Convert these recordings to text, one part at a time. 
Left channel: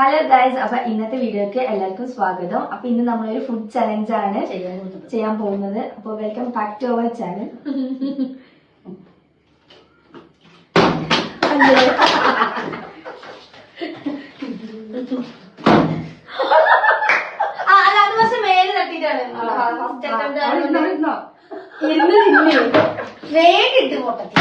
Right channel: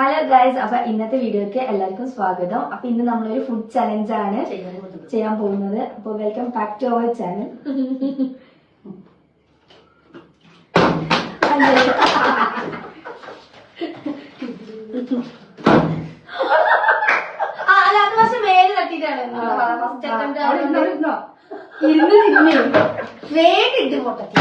Hello guys, അപ്പൊ ഇന്നത്തെ വീഡിയോക്ക് എല്ലാവർക്കും സ്വാഗതം. അപ്പൊ ഇന്ന് നമ്മളൊരു ഫുഡ് ചലഞ്ച് ആണ് ചെയ്യാൻ പോകുന്നത്. അപ്പൊ welcome back to our channel. മേലെ തട്ടിട്ടാണ് വേണ്ടിട്ട് പൊട്ടത്തി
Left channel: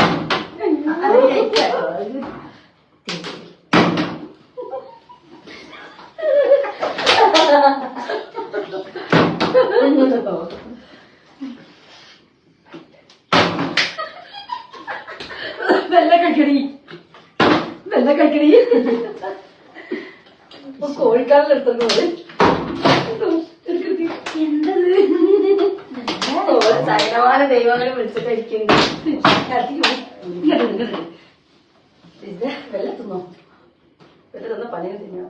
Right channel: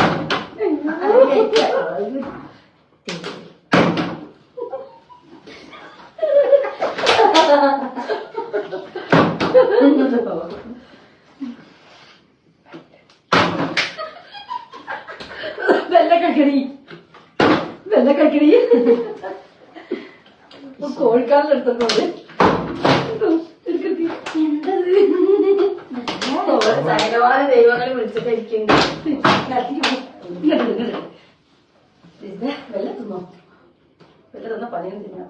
വെള്ള കഴിക്കണി കോഴിക്കാലിലെടുത്തത് സൈനവാന ദൈവങ്ങളെ വിളിച്ചിട്ടായിരിക്കും വെള്ള തിന്നോ? വെള്ള തിന്ന പണിയും തിന്നാ.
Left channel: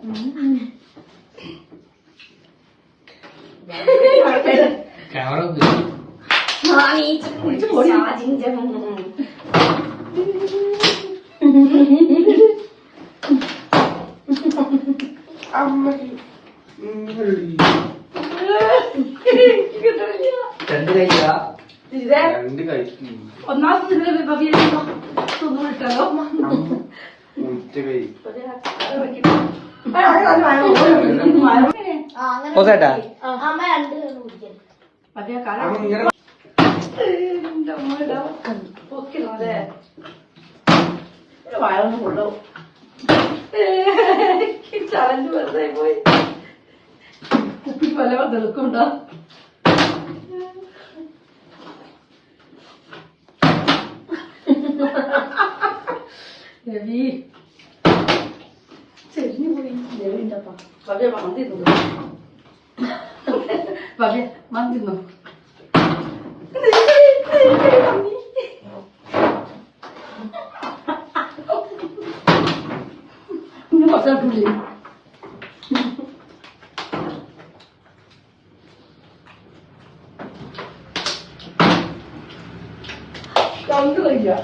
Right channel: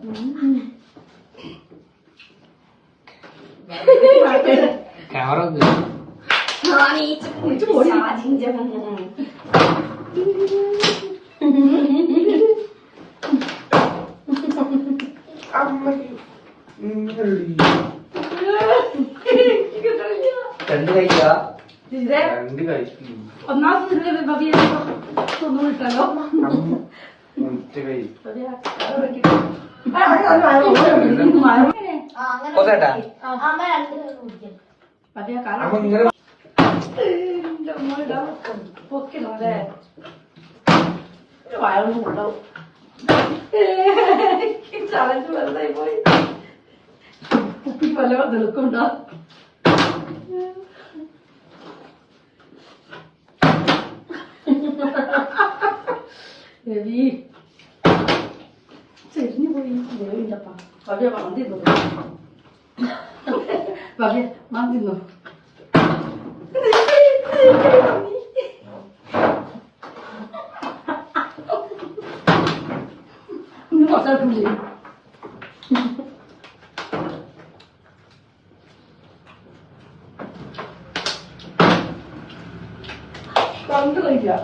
രണ്ട് കൈയാ രണ്ട് കൈ ഒന്നാമത്തെ തൊന്നും ഇട്ടല്ലോ. മറ്റേ കൈ വയറൊന്നും കൊണ്ടാവും. ചലഞ്ച് വെറുതെ പോയി. കുപ്പി പല തെളുക്കുണ്ടോ? രവി ചെരിഞ്ഞു പോയി. രവിണ്ടപ്പാ ഭവ്യ മന്തിന്നു. ഭവ്യ മന്തിന്നു. പുള്ളി കണ്ടില്ല.